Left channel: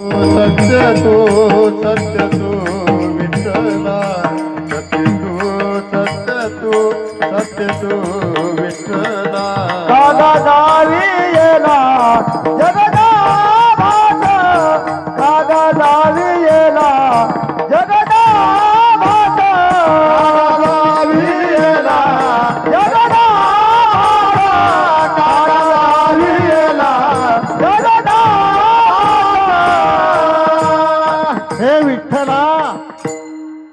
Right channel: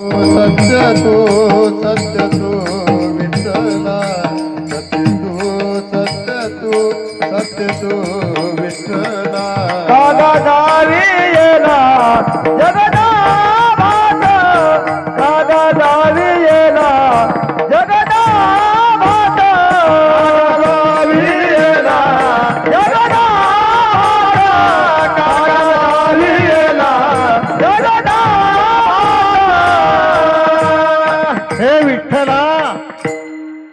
सत्य तो सत्य तो विठ्ठला सत्य तो सत्य तो सत्य तो विठ्ठला हे विठ्ठला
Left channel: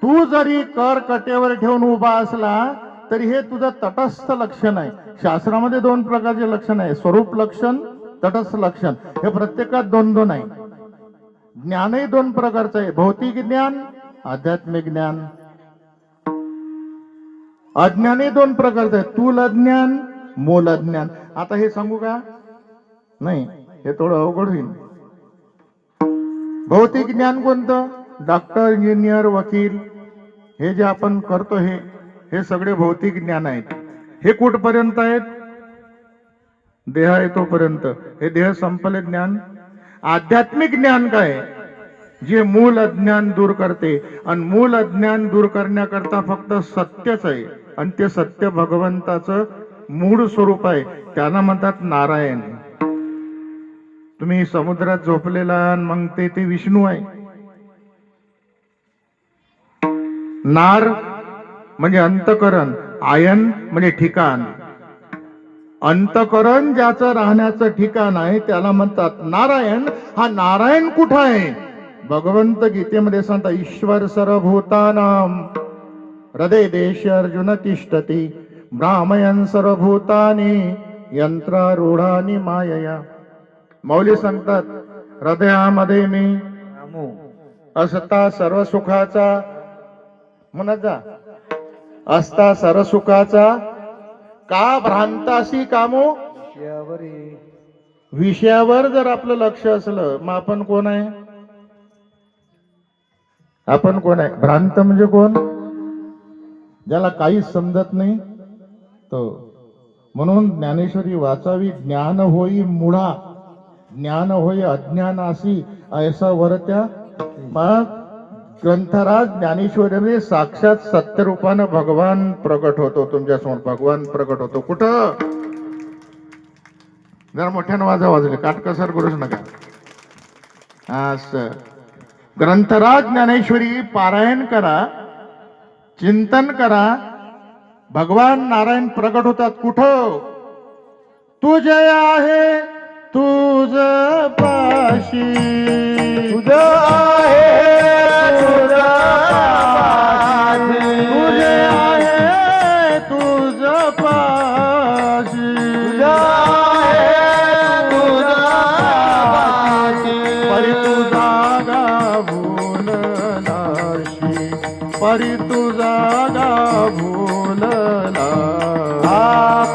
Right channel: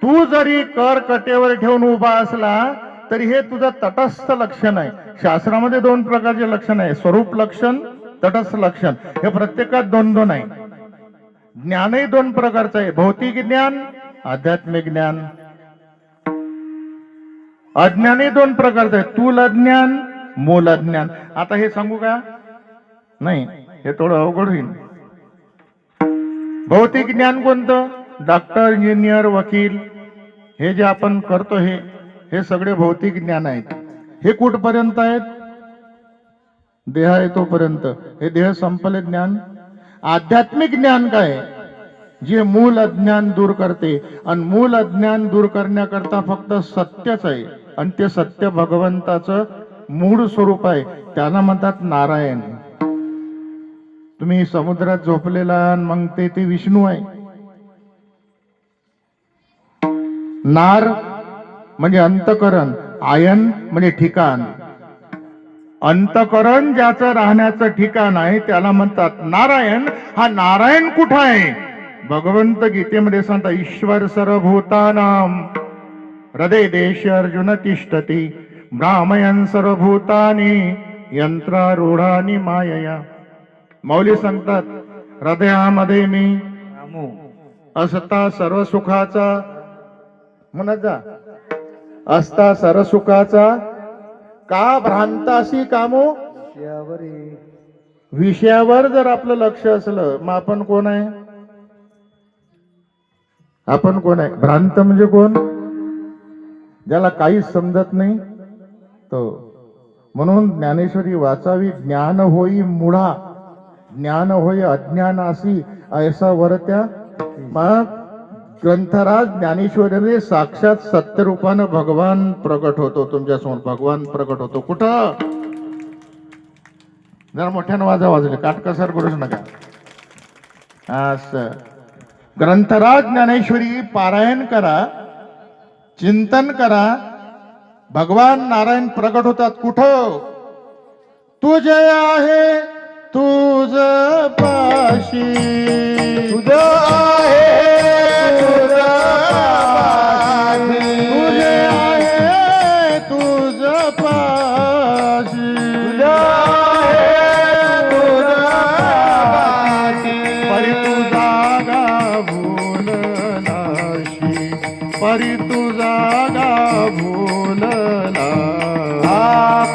तू जरी कर कटेवर ठेवून उभा असला तरी हे तुझं तटस्थ लक्षण आहे. शास्त्रामध्ये दोन प्रकारचे लक्षण आहे. स्वरूप लक्षण तटस्थ लक्षण. हे प्रत्येकात दोन दोन आहे ज्ञानही दोन प्रकारचं आहे. भौतिक ज्ञान आध्यात्मिक ज्ञान. अज्ञानही दोन प्रकारचं आहे. तूल अज्ञान मूल अज्ञान आता हे सांगू का? नाही. हे थोडं अवघड होईल. भौतिक ज्ञान कोणतं? डॉक्टर इंजिनियर वकील. हे जे आपण करतो हे हे सगळे भौतिक ज्ञान आहेत. हे कुठपर्यंत आहेत? देह येतोपर्यंत हे देह संपले ज्ञान. आध्यात्मिक ज्ञान काय? जे मूल अज्ञान दूर करते. आणि मूल अज्ञान दूर करण्याकरता फक्त सत्यच आहे. आणि ते सत्य भगवंताचं मूळ स्वरूप आहे. त्याला म्हणतात नारायण. तुम्ही समुद्रात झोपलेला मग ते ते विष्णू आहे. नार म्हणजे अंतकरण आयन म्हणजे ठिकाण. अंतकरण ज्याचं राहण्याचं ठिकाण आहे त्याला म्हणतात नारायण. हा नारायण कुठं आहे? भगवंत गीतेमध्ये सांगता ईश्वर सर्वभूतानाम हृदय देश अर्जुन तिष्ठती ब्राह्मयन सर्वभूतानी यंत्रारूढानी मायया. मौली सांगतात हृदयामध्ये मी असता सर्व सुखाचा म्हणत जा. असता सर्व सुखाचा का भ्रांतासी कामो? विषयावर जर आपलं लक्ष असलं मग आपण कोण आहे? आपण कोण आहे? भ्रांत म्हणजे कोण? ज्याला काहीच समजत नाही तो. म्हणून ज्ञानेश्वरी वाचावी ज्ञान होई मुळा. ज्ञान होई अज्ञानासी ऐसा वरत्या मग ग्रंथराज ज्ञानेश्वरीने साक्षात सत्यरूपानं भगवान प्रकट होतो तुमच्यासमोर भगवान प्रकट होतो. कुठं? जरा मोठ्यानं वाजा वाजले. काटकसर करूच नका. असं. ग्रंथराज ज्ञानेश्वरी पारायण करा चिंतन करा. भगवान नारायण प्रकट होतात. कुठं? तुझे आहे. तुझ पाशी तुझ आहे तुझ पाशी. तुझे आहे तुझ पाशी तुझ आहे तुझ पाशी. परी तुझा गाभूल नाशी. परी तुझा गाभूल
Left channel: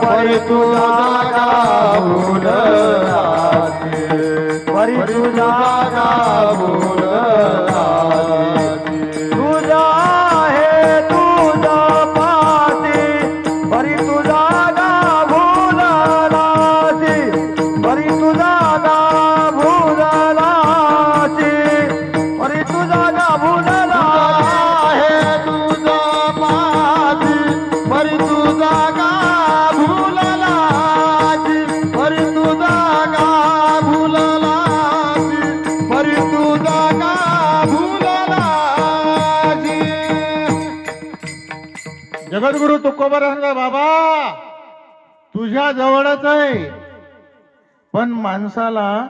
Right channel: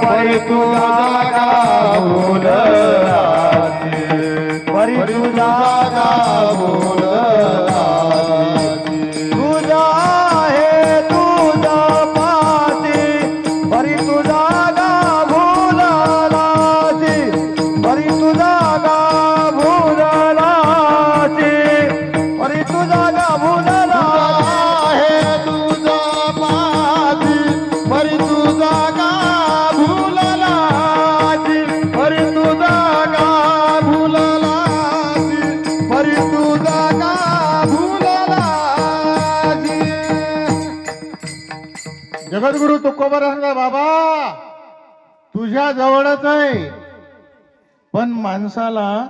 परी तुझा गाभूल परी जगद्गुरु तुकोबर सांगा बाबा तुझ्या जवळच आहे. पण माणसाला